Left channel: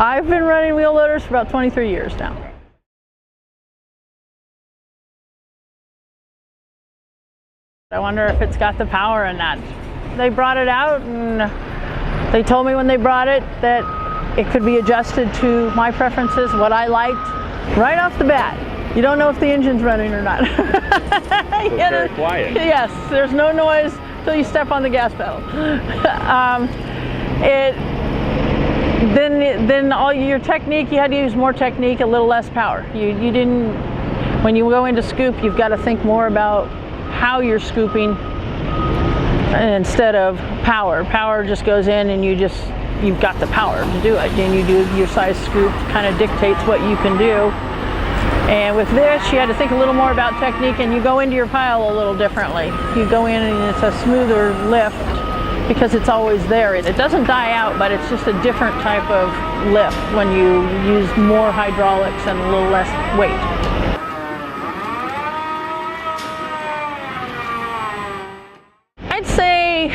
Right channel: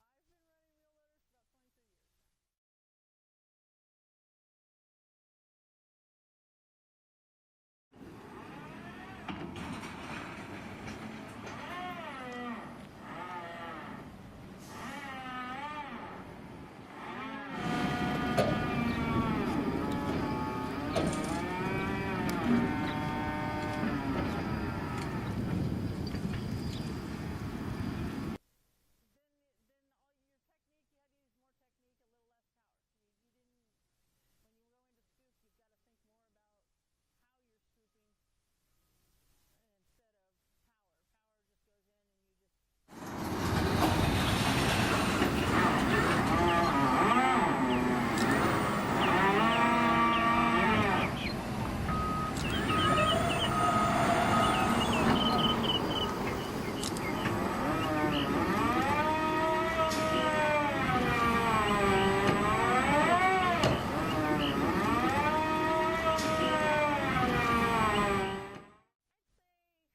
I've been running wheel loaders for about 23 years now. I wonder if it's got the power in that. They brought it out and they told me when they brought it that it could be adjusted to my preferences, what I liked, right off the bat. You don't know if the engine's running or not. It's very quiet. Yes, there's no noise until you step on the gas pedal. Then all your technique, you had to use more technique, a little less power. You didn't, when you go into scoop, you've got to think more about how you're scooping instead of power. Power just goes in and you've got the power to do it. And you do your size scoop, kind of dictates what you can do. And with this, you had to think a little more about technique, and you go into your pile a little differently. You go in and it's a smoother lift because it's always there. It doesn't die out, but it's just a different type of lift when you use more hydraulics and a little less weight. I'd say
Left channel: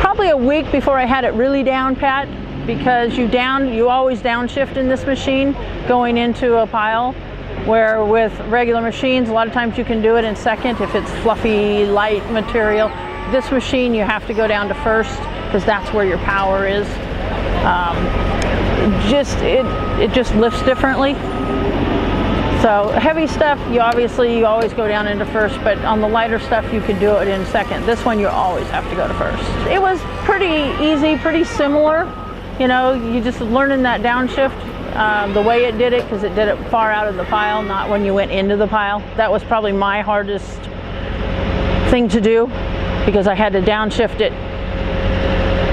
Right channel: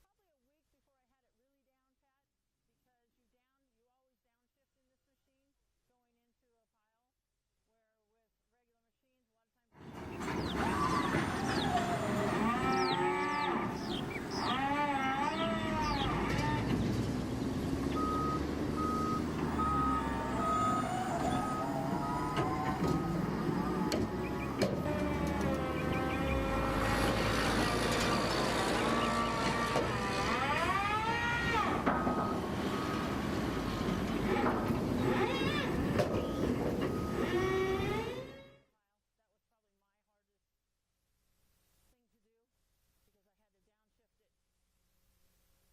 probably a week before I had it really down pat, because you always downshift in this machine going into a pile, where with regular machines a lot of times you can do it in second if it's fluffy, light material. This machine you have to go down to first because that's where your power is. It just lifts differently. So heavy stuff, you always go down into first, but on the lighter stuff you could do it in second. This one you always have to go to first. It was pretty easy, pretty similar. You know, you just learning that downshift, the way it did it, because it did it far out of the pile, not when you went into the pile. That was probably my hardest thing to do, because I had to downshift it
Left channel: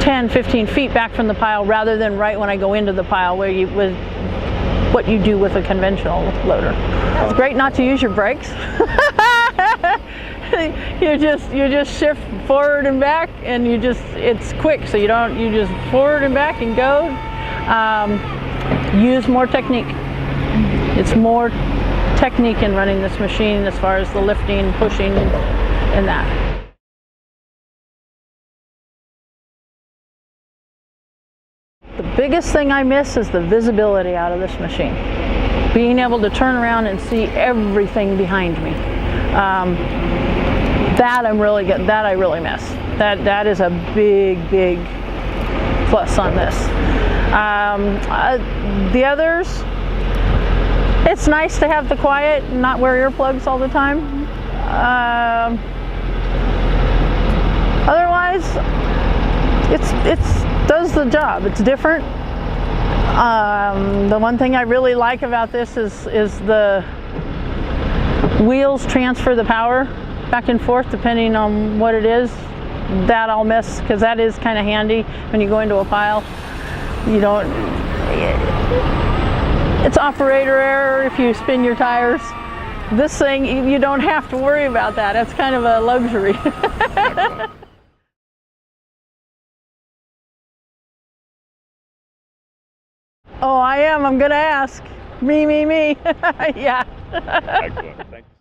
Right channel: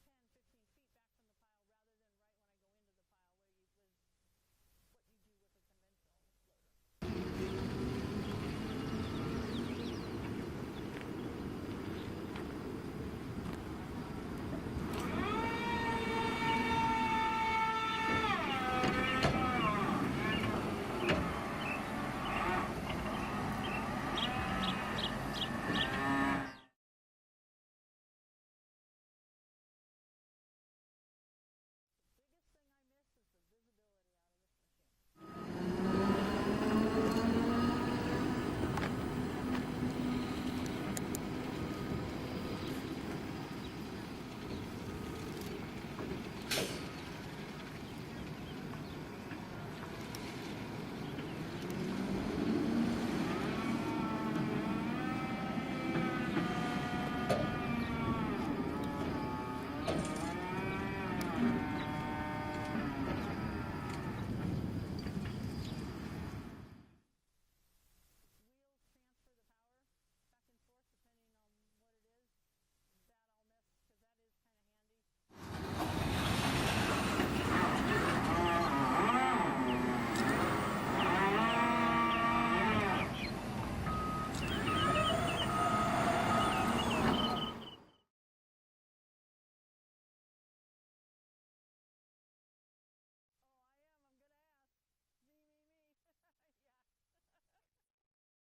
10, 15 feet back from the pile rather than right when I go into the pile, where what you do with a conventional loader. It's great not to use your brakes. you just shift forward and back, and it's quick, so you just forward and back and go. Use more technique. It's more technique in running this machine as far as the lifting, pushing, and that. The biggest thing I miss is the visibility out of this machine. Being able to turn around and see everything behind me. That I really miss. That is a big plus on this. The others, it's nice to have the quiet and not wear earplugs all the time. Otherwise, it does the job. It's different. The one thing I really like about this is the wheels transfer the power back and forth depending on what it is. That I'll miss, because that is kind of handy when you go into a pile. It's operator error if you spin your tires. This thing, you don't have to worry about that. It's kind of a luxury. Oh, I am. I'm going to ask. Me. Yeah. Excellent. Thanks.